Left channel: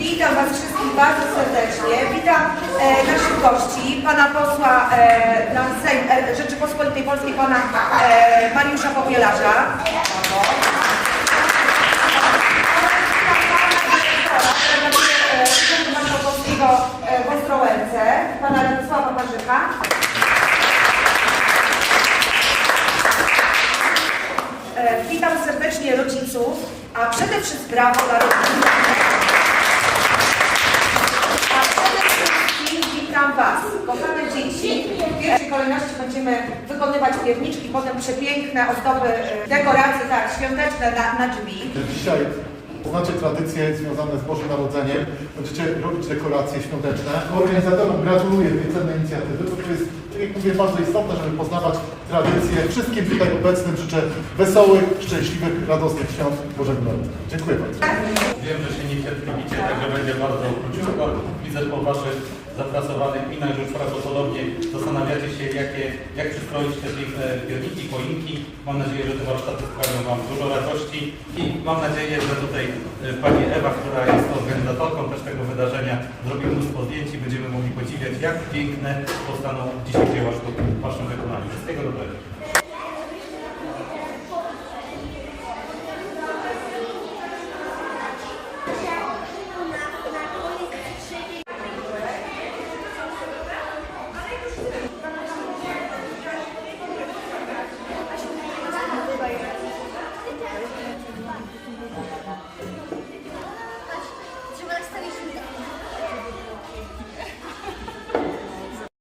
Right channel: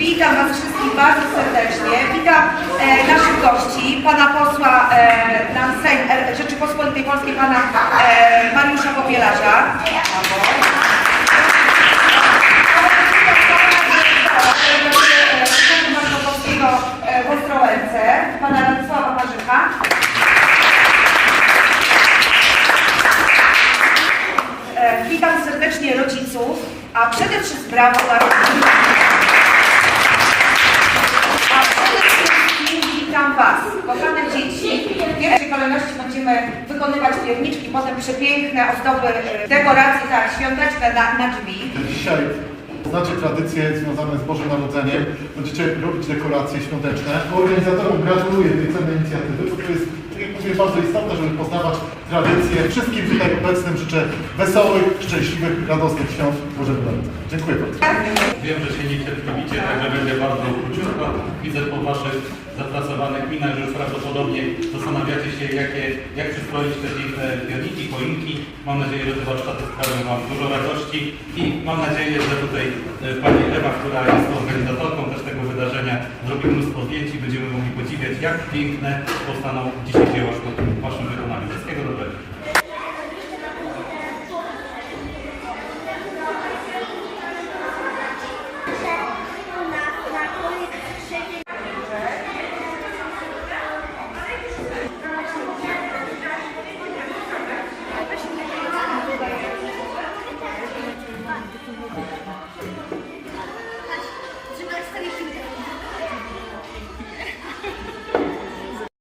Witam Was wszystkich bardzo serdecznie. Witam e, naszych gości, pana posła e, na Sejm e, Rzeczypospolitej Polskiej, pana e, Mariusza Popielarza. W pana Radosława Marzyka. E, Witam serdecznie rodziców, a przede wszystkim brawo dla rodziców. A przede wszystkim witam Kochane dzieci. W pierwszej kolejności będziemy wykonywać pierniczki, potem przepiękne ozdoby, e, dekoracje tak, świąteczne na, na drzwi. Dzisiaj znacie tradycje związane z Bożym Narodzeniem. Będziecie robić dekoracje świąteczne. Organizatorom gratuluję tej cennej inicjatywy, bo to jest, mówię, bardzo istotne, żeby poznawać tradycje. Wszystkim tutaj obecnym życzę wesołych, szczęśliwych, radosnych świąt Bożego Narodzenia. Dziękuję bardzo. Wiem, że się niecierpliwicie, także będzie bardzo króciutko. Widzę po Waszych zapracowanych minach, że już prawdopodobnie zastanawiacie się, jakie, jak przystroić te pierniki, choinki. Mam nadzieję, że te warsztaty sprawią Wam dużo radości i mam nadzieję, że tutaj e, Pani Ewa, która jest organizatorką jak piękne powstaną dzisiaj dzieła sztuki w Waszym wykonaniu. Wszystkiego dobrego.